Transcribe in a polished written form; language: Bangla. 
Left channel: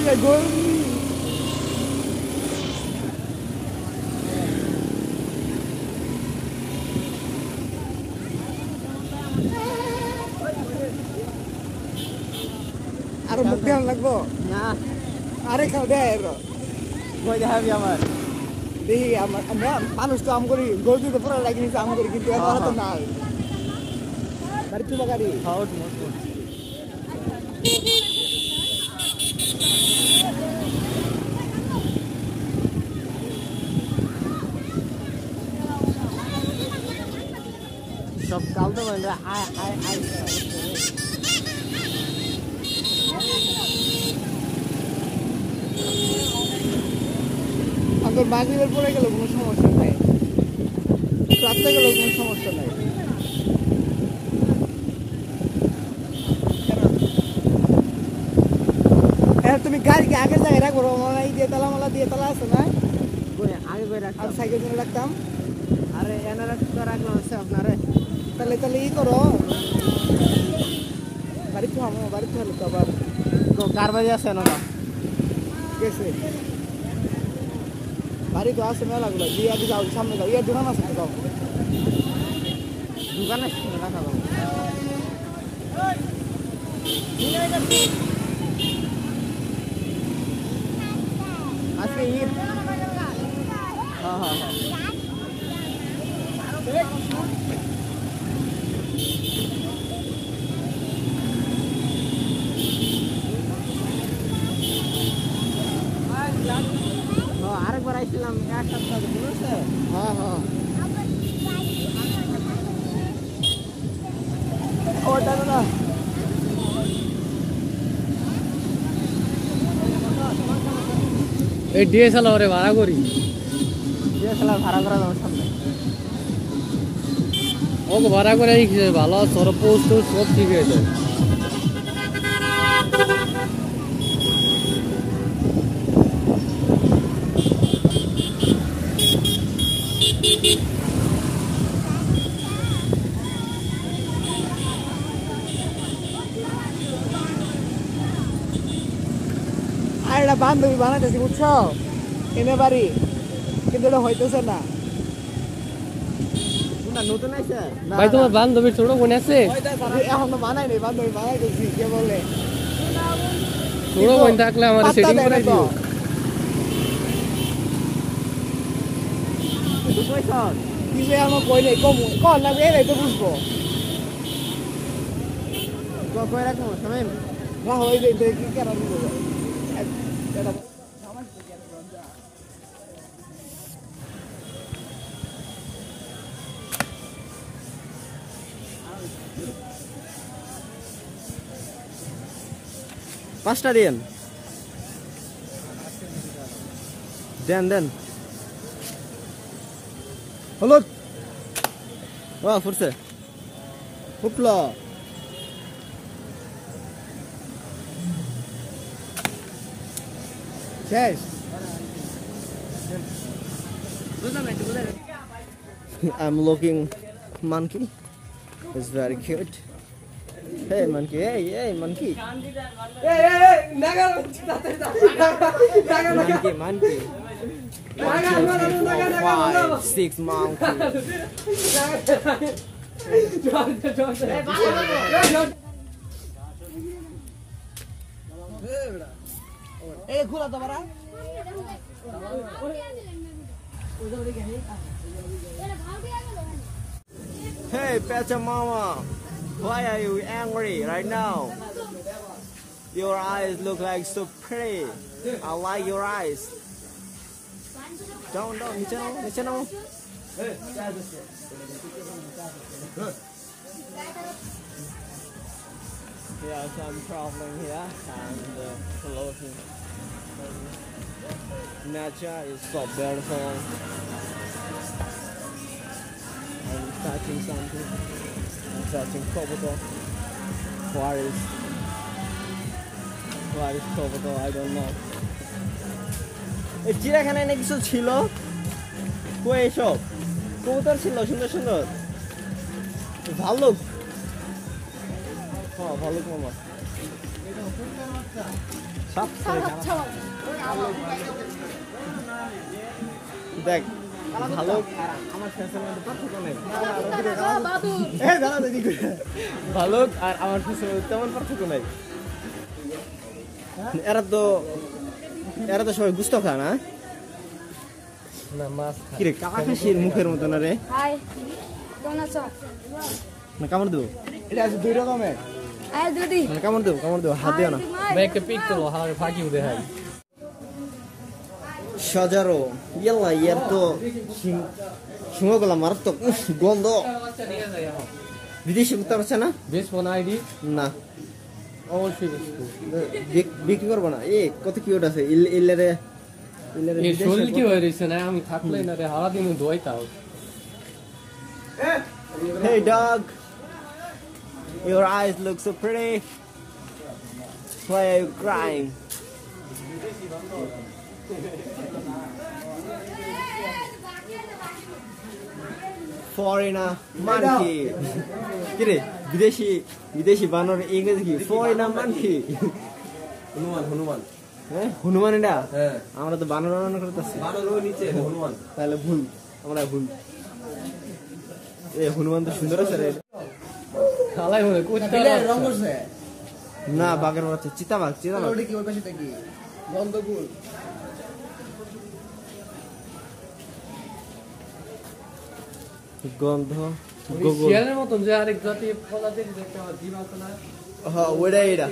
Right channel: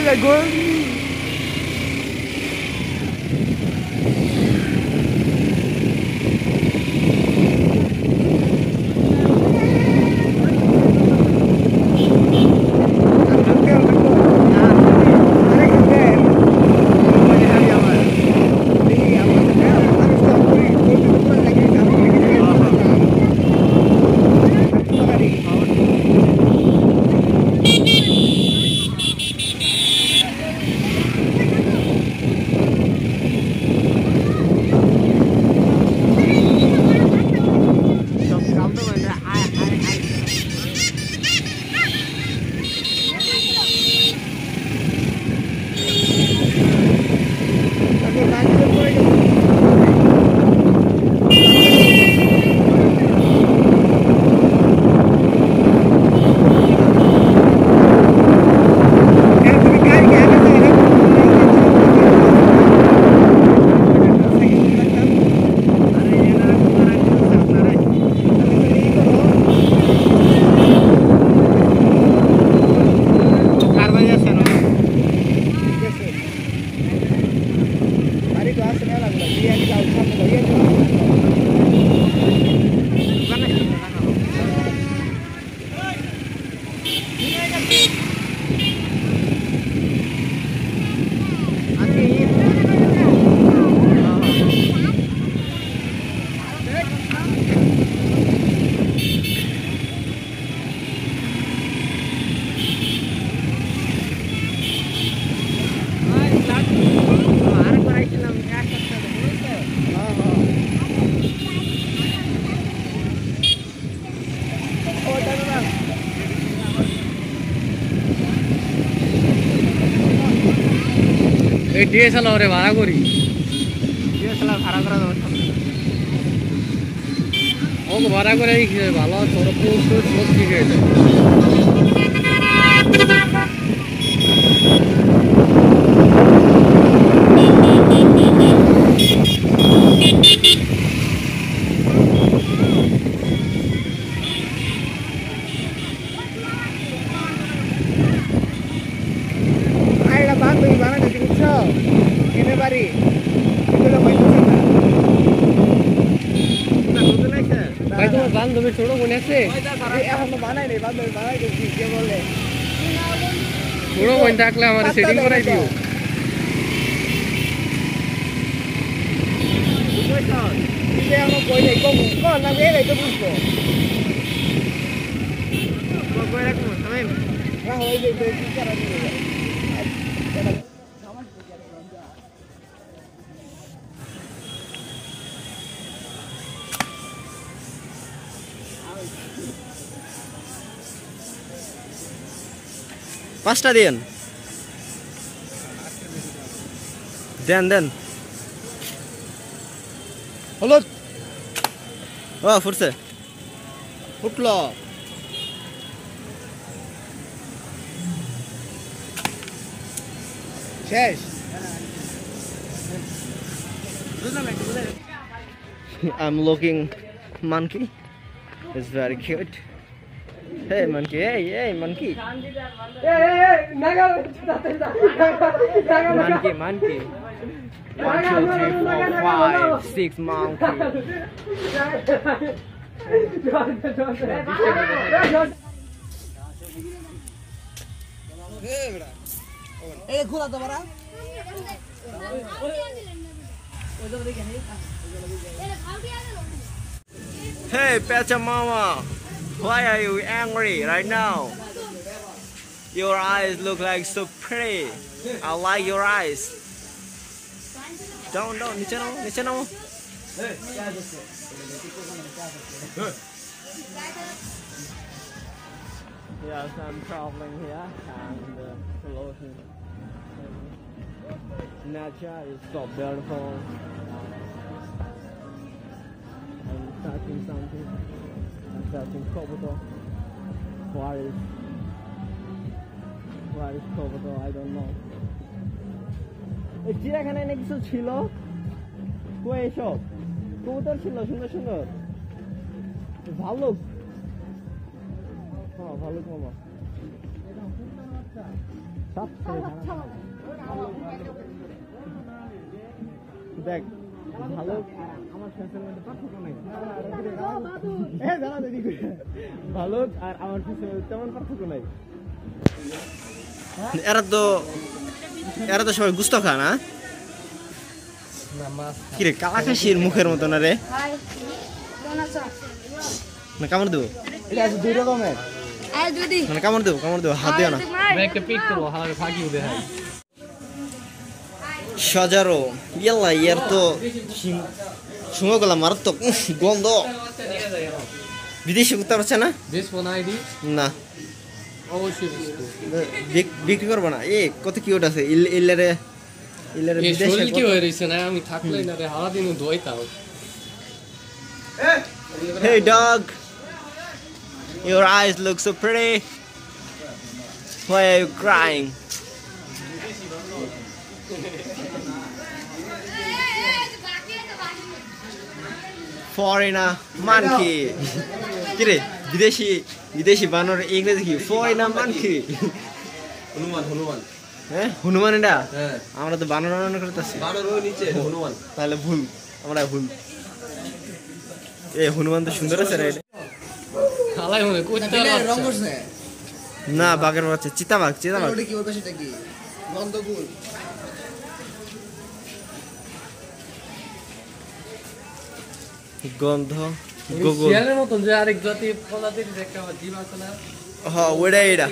এটা গরমি এই ডিএসএলআর ভাড়া করি ডিএসএলআর ভাড়া করা ওকে ভাড়া করে ভালো তোর পোস্ট সব ঠিক হয়ে যায় বান্ধবী বানাইতেছি বুঝছো এনে বাড়ি কিন্তু হইতেছে না ভাই তোমার বান্ধবী ছোট বোন আছে এখনো বানাই নাই বান্ধবী বানাইতেছি কে বলে ছোট বোন থাকলে আমার সেটিং করাই দিও আমার কই নাই কম কল না এই তো বুঝবো কই রাখবো তুমি না হই যাই কি করা দিবে পাঁচটা দেন দেন দেন হলো ও ফুটছে ফুটলো শেষ I'm looking monkey. It's very cute. Hey monkey, hey monkey. Hey, naga. Monkey. 1, 2, 3, 4, 5, 6 monkey. Hey, khula to bara. Hey, Pecha Mama. Why are you angry right now? Your eyes look like so pretty. I like your eyes. Down, niche no. Yes, I'm traveling here and looking. Nature is so beautiful. I'm touching something. I'm touching Kobuto. Where is Kobuto? I don't know. এই চিড়িয়াখানায় না কিছু ছিল কই এসব কবুতর ছিল সুন্দর সুন্দর ভালুক হ্যাঁ ভালুক মামা দেখ ভালুক আর আমার ফেসের মধ্যে পার্থক্য নেই। ভালুক আর আমার ফেসের মধ্যে তেমন পার্থক্য নাই। এরা তো সবাই গুস্ত খা না? কিরে কালাকাশির মুখের মতো না রে? না কামড় দেবো? মানে কামড় দেবো হাত দিও না। সজারো ইয়াল্লা ইয়ার তো শুঙ্গগুলা মারাত্মক গন্ধ। বিদেশি কুত্তা পাচ্ছে না? না বিক্রি করবো না। এ কত কিউট আছে। ইল্লারে কি হয়ে রইছে না? আমি থাকলে না রে হারা দিন ধোইতাও। Hey dog, your eyes look so pretty. Why are you crying? Foreigner monkey. কিরে বিদেশি বানর ইংরেজি কি? Foreigner monkey. হনুমান হ্যাঁ হনুমান এটা? আমরা তো বানর করতেছি। হনুমান তাহলে ভুল, আমরা ভুল। এ হনুমান তো সুন্দর আছে রে। খালাই হয়ে কুত্তা না বাঘের বাচ্চা, চিতাবাঘ। কি ওটা সেটা কি গন্ধগুল গন্ধ গোগল। শিয়ালের মতন যে আরেক জাতি প্রজাতির একটা জীব আছে না? হ্যাঁ ওইটা